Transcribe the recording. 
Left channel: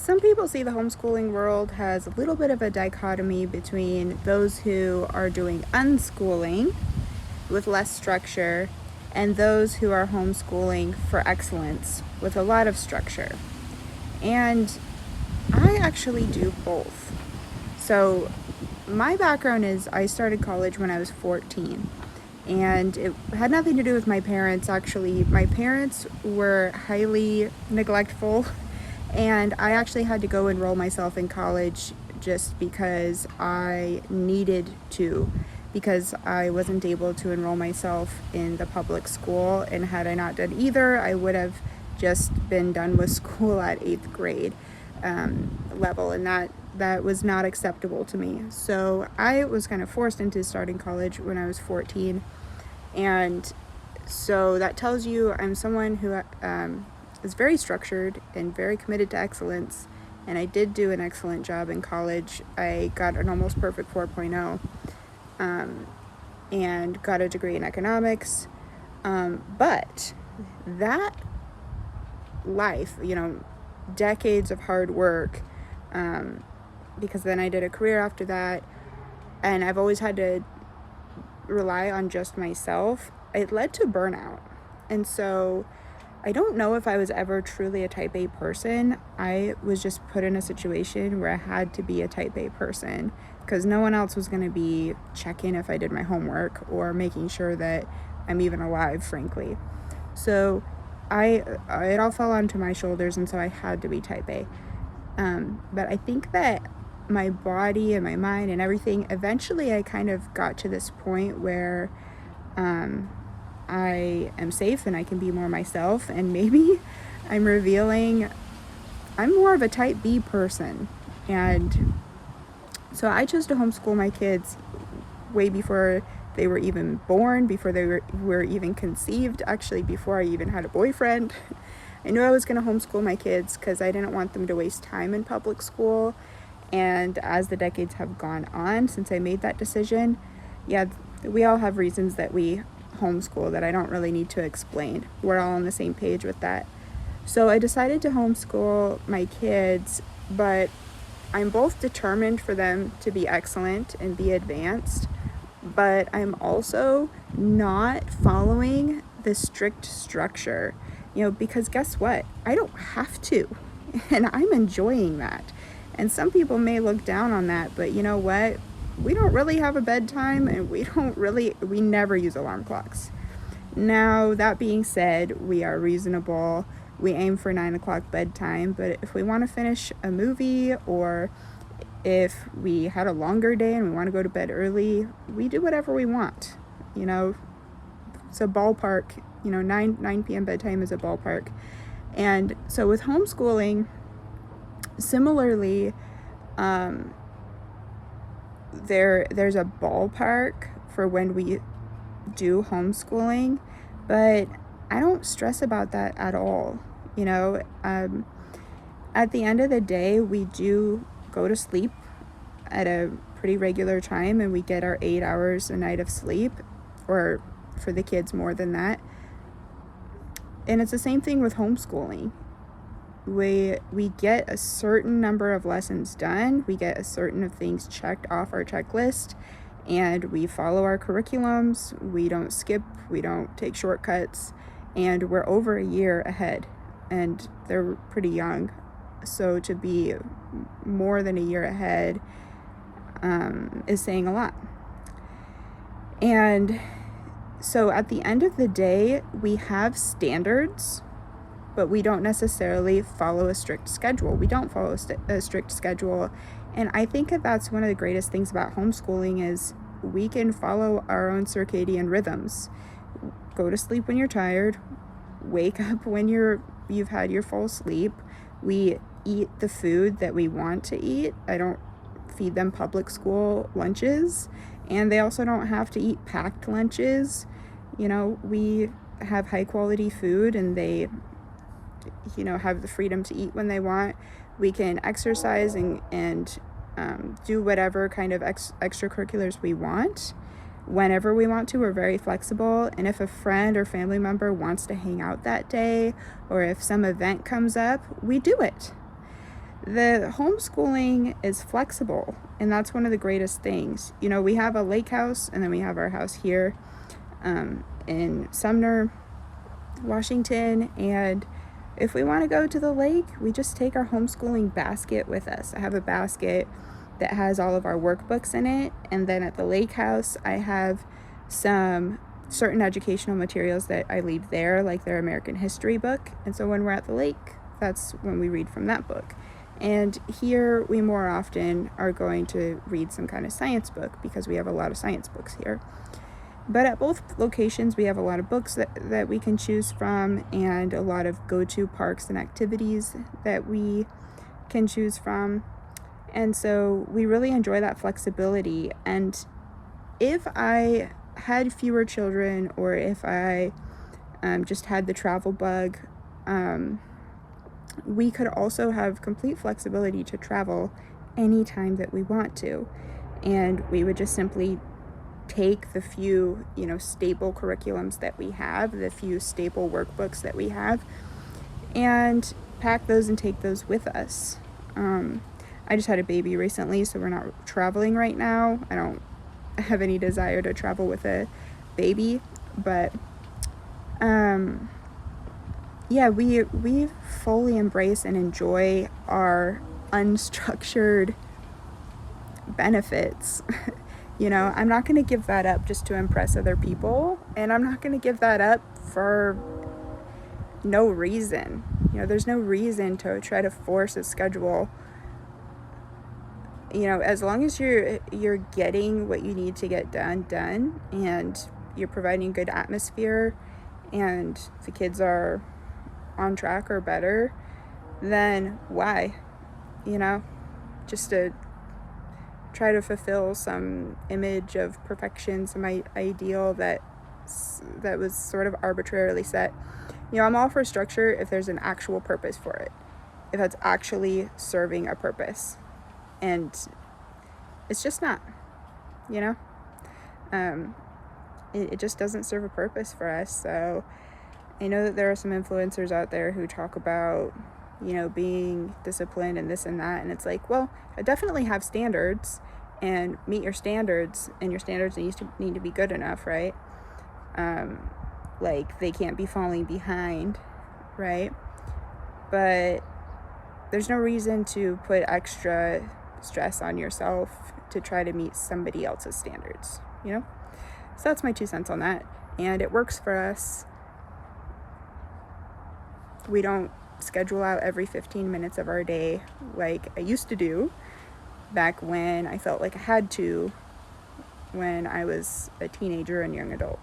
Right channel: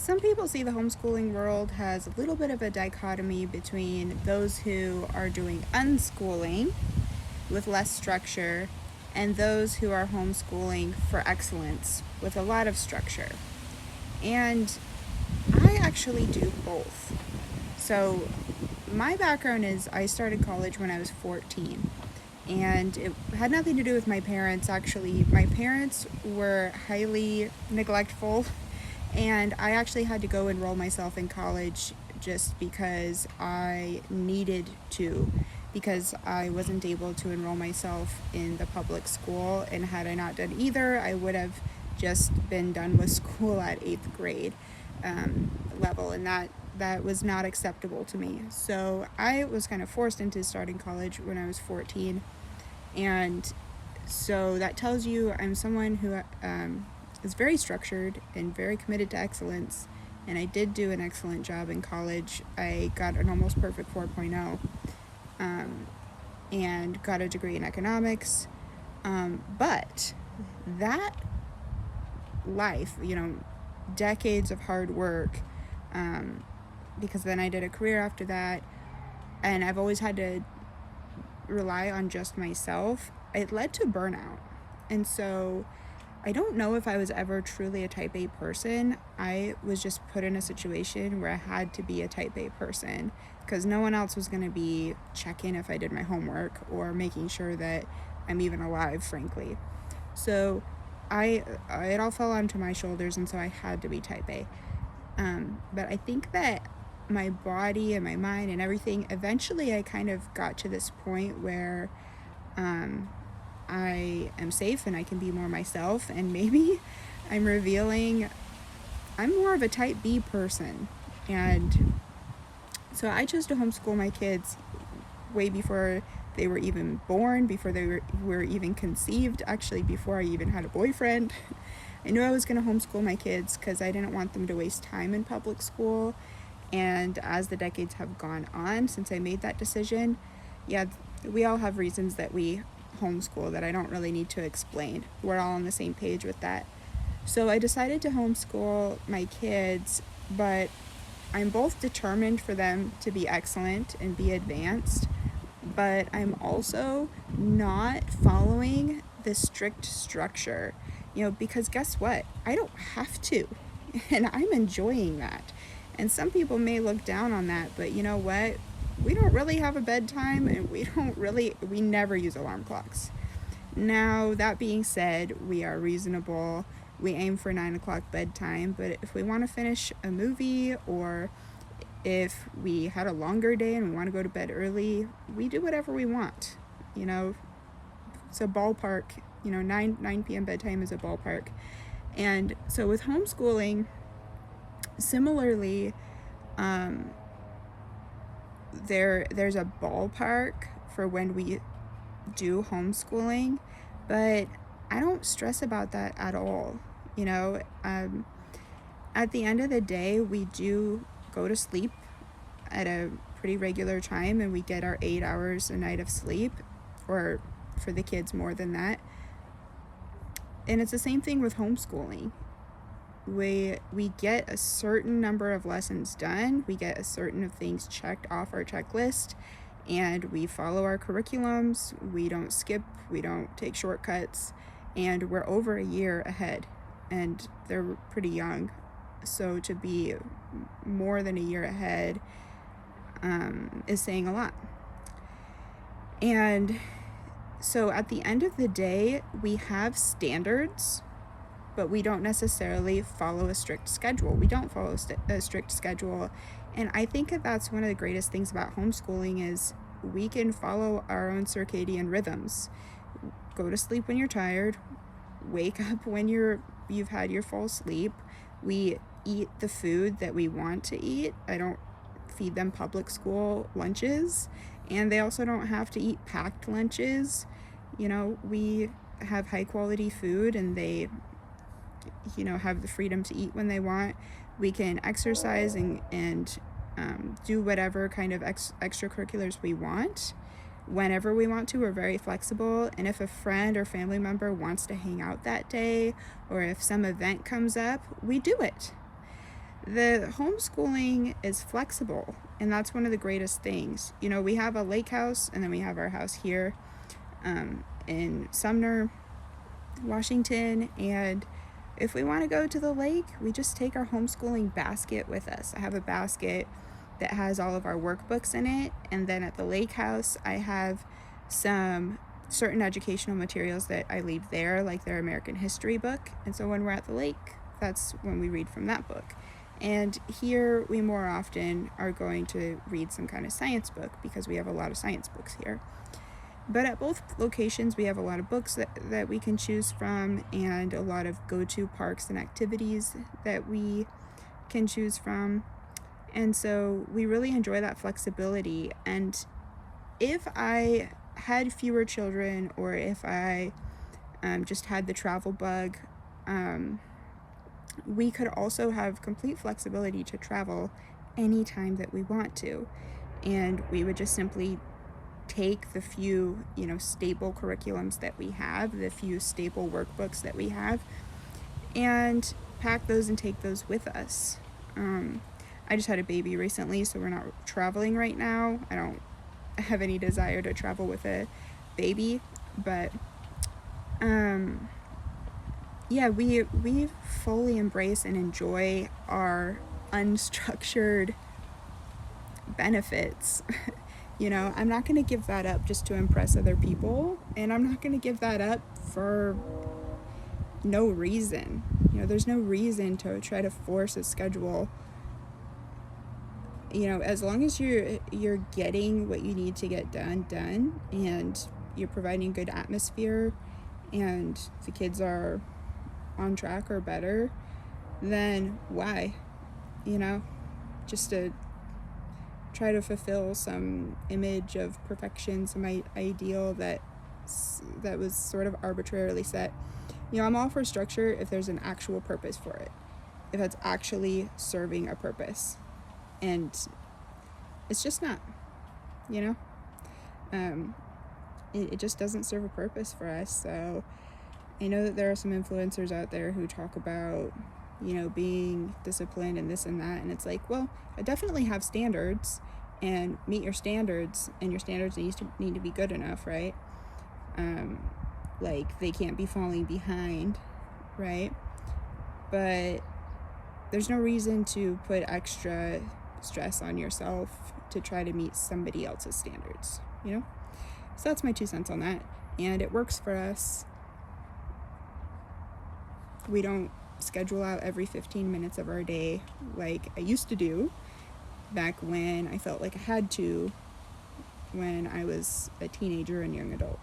Some people see the homeschooling world has a little bit of a dichotomy between those who are doing unschooling with less structure and those who are homeschooling for excellence with a lot of structure. And I actually do both. So my background is I started college when I was 14. And it had nothing to do with my parents, actually. My parents were highly neglectful, and I actually had to go enroll myself in college just because I needed to, because I wasn't able to enroll myself in the public school, and had I not done either, I would have just been done with school at 8th grade level, and that was not acceptable to me. So I was kind of forced into starting college when I was 14, and so that tells you I'm someone who is very structured and very committed to excellence, and I did do an excellent job in college. I got an almost perfect 4.0 and got a degree in economics, but that life, decades of hard work, because then I did a career after that, and I've always had to rely on just myself. It led to burnout. And so I don't know if I was ever truly a type A person. I was just put in a situation where I had to be a type A person because no one else was going to be checking if I did my homework or making sure that I'm even alive, frankly. So it all fell onto my shoulders, and so I had to be type A. But I think that my body and my mind and everything, eventually I kind of got to this point where I am safe and I can be more myself, and maybe I'm revealing I'm more of a type B person. And so I chose to homeschool my kids way before they were even born, before they were even conceived, actually before I even had a boyfriend. I knew I was going to homeschool my kids because I didn't want them to waste time in public school. And as the decades have gone on since I made that decision, we all have reasons that we homeschool that I don't really need to explain. We're all on the same page with that. So I decided to homeschool my kids, but I'm both determined for them to be excellent and be advanced, but I'm also not following the strict structure, because guess what? I don't have to, and I'm enjoying that. And some people may look down on that, but you know what? We don't really have a bedtime, and we never use alarm clocks. Now, that being said, we are reasonable. We aim for 9 o'clock bedtime, but if we want to finish a movie, or if we had a longer day and we want to go to bed early, we do whatever we want. It's a ballpark. 9 p.m. bedtime is a ballpark. And so with homeschooling, similarly, there's a ballpark for when we do homeschooling, but I don't stress about that at all. At the end of the day, we do go to sleep at a pretty regular time, and we get our 8 hours a night of sleep, or for the kids more than that. And it's the same thing with homeschooling. We get a certain number of lessons done, we get a certain of things checked off our checklist, and we follow our curriculums. We don't skip, we don't take shortcuts, and we're over a year ahead, and they're pretty young. So to be more than a year ahead is saying a lot. And so at the end of the day, we have standards, but we don't necessarily follow a strict schedule. We don't follow a strict schedule. And I think that that's one of the greatest things about homeschooling is we can follow our own circadian rhythms. Go to sleep when you're tired, wake up when you've had your full sleep. We eat the food that we want to eat. I don't feed them public school lunches, and they also don't have to eat packed lunches. We have high quality food, and they have the freedom to eat when they want. We can exercise and do whatever kind of extracurriculars we want whenever we want to. We're very flexible, and if a friend or family member wants to hang out that day, or if some event comes up, we do it. the homeschooling is flexible, and that's one of the greatest things. You know, we have a lake house, and then we have our house here in Sumner, Washington, and if we want to go to the lake, we just take our homeschooling basket with us. I have a basket that has all of our workbooks in it, and then at the lake house, I have some certain educational materials that I leave there, like their American history book, and so when we're at the lake, that's when we read from that book. And here we more often are going to read some kind of science book because we have a lot of science books here. But at both locations, we have a lot of books that we can choose from, and a lot of go-to parks and activities that we can choose from. And so we really enjoy that flexibility. And if I had fewer children, or if I just had the travel bug, we could also have complete flexibility to travel anytime that we want to. And we would just simply take the few, stable curriculums that we have, the few stable workbooks that we have, and pack those and take those with us. I just had a baby recently, so we're not traveling right now. I don't have any desire to travel with a baby, but we fully embrace and enjoy our unstructured benefits. I'm not going to give that up just to impress other people, and I'm not going to give that up for no reason. There's no reason to try to force a schedule. As long as you're getting what you need to get done, and you're providing good atmosphere, and the kids are on track or better, then why? Just to try to fulfill some image of perfection, some ideal that was sort of arbitrarily set. I'm all for structure if there's an actual purpose for it, if it's actually serving a purpose, and it's just not. It just doesn't serve a purpose for us. So I know that there are some influencers out there who talk about being disciplined and this and that, and it's like, well, I definitely have standards, and meet your standards, and your standards need to be good enough, right? Like, they can't be falling behind, right? But there's no reason to put extra stress on yourself to try to meet somebody else's standards, So that's my 2 cents on that, and it works for us. We don't schedule out every 15 minutes of our day like I used to do back when I felt like I had to, when I was a teenager and young adult.